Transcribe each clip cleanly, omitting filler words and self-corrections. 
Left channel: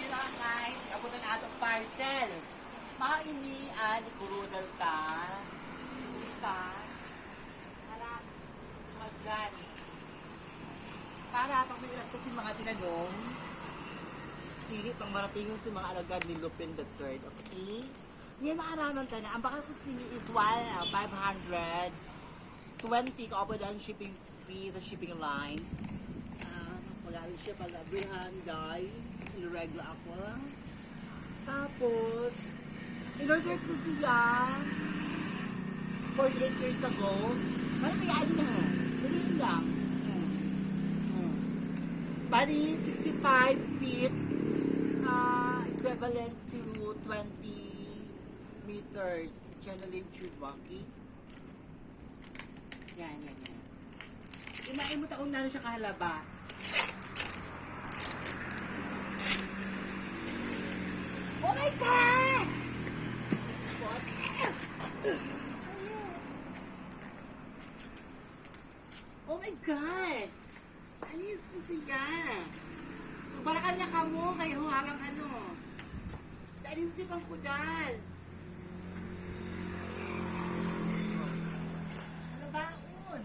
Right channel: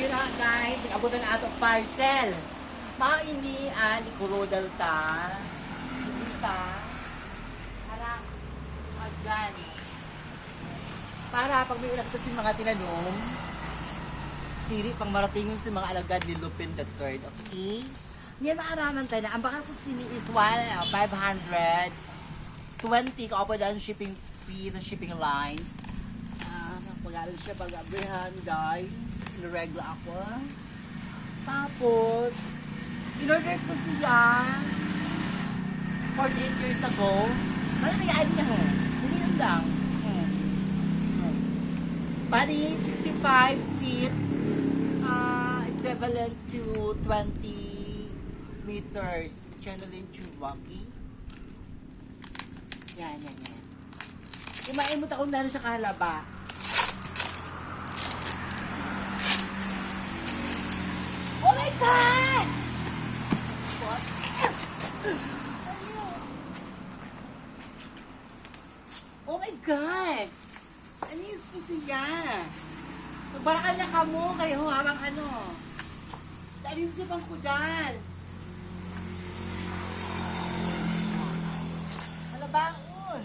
yun na guys, nag-abutan na atong parcel. Maini ikurudal ta. Isa. Harap. Dyan. Para pag may ulang kasi mga tinanong, tiri pang maratingon sa mga alagad ni Lupin III. Okay? Yan maaraman tayo na. Ang baka kasi ni is 520 kaupo na ang shipping fee sa shipping lines. Pag-aral siya pag-abrihan, guys. Inureglo ako. Tapos, in-order ko siya 48 years ago. Parang nag-aari na ho. Dalihan lang. Bali, 65 feet. Equivalent to 20 meters. Channeling tube, okay? Yan. Imaimot akong nano siya kahalaba. Oh my God! What? Oh my God! Ano yung sisiya? Barakan na ka mo kayo habang ano. Dahil yung sipang kudal. Malabaon.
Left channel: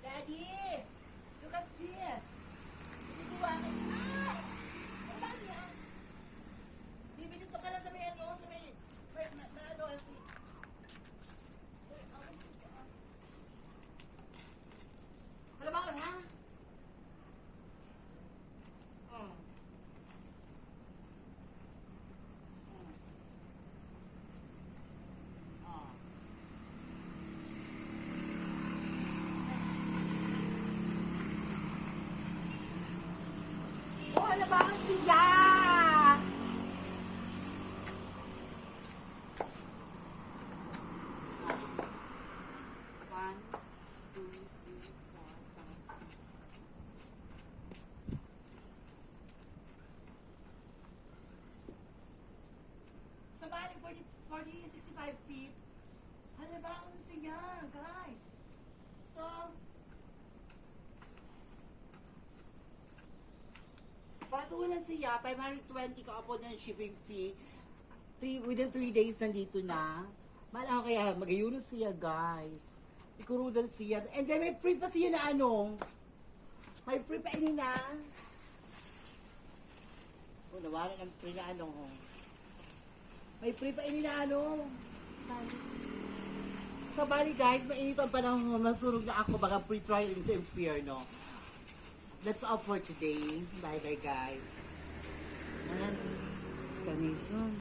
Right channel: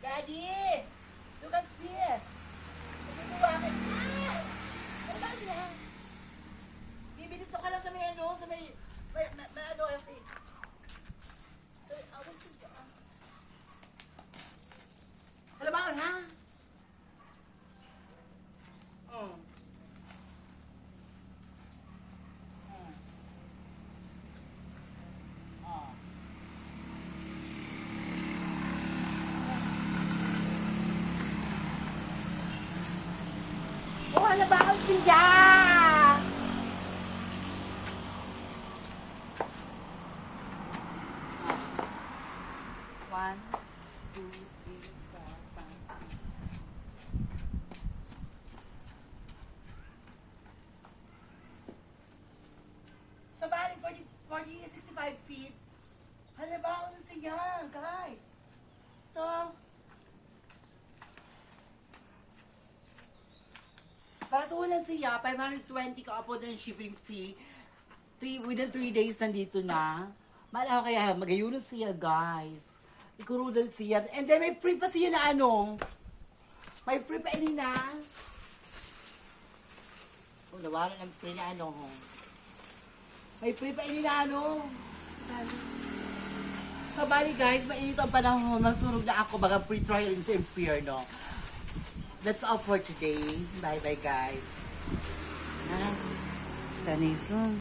Daddy! Look at this! Bibidito ka lang sa may ano, sa may ano kasi. So, halabangan ha? Oh, halabangan siya! Sa bali, 65 feet. Halabaon na siya, guys. So, paratulan siya, 520 ka-upon ng shipping fee. Within 3 days nandito na. Malaw kaya, magayunan siya, guys. Ikurudal siya. And then, may free pa siya na ano. May free pa ini na. Oh, nawala ng free na ano. May free pa ini na ano. So, bali guys, mainit ang panahon. Masunog na ako. Baka free trial in sa impyerno. That's all for today. Bye-bye, guys. Taniso.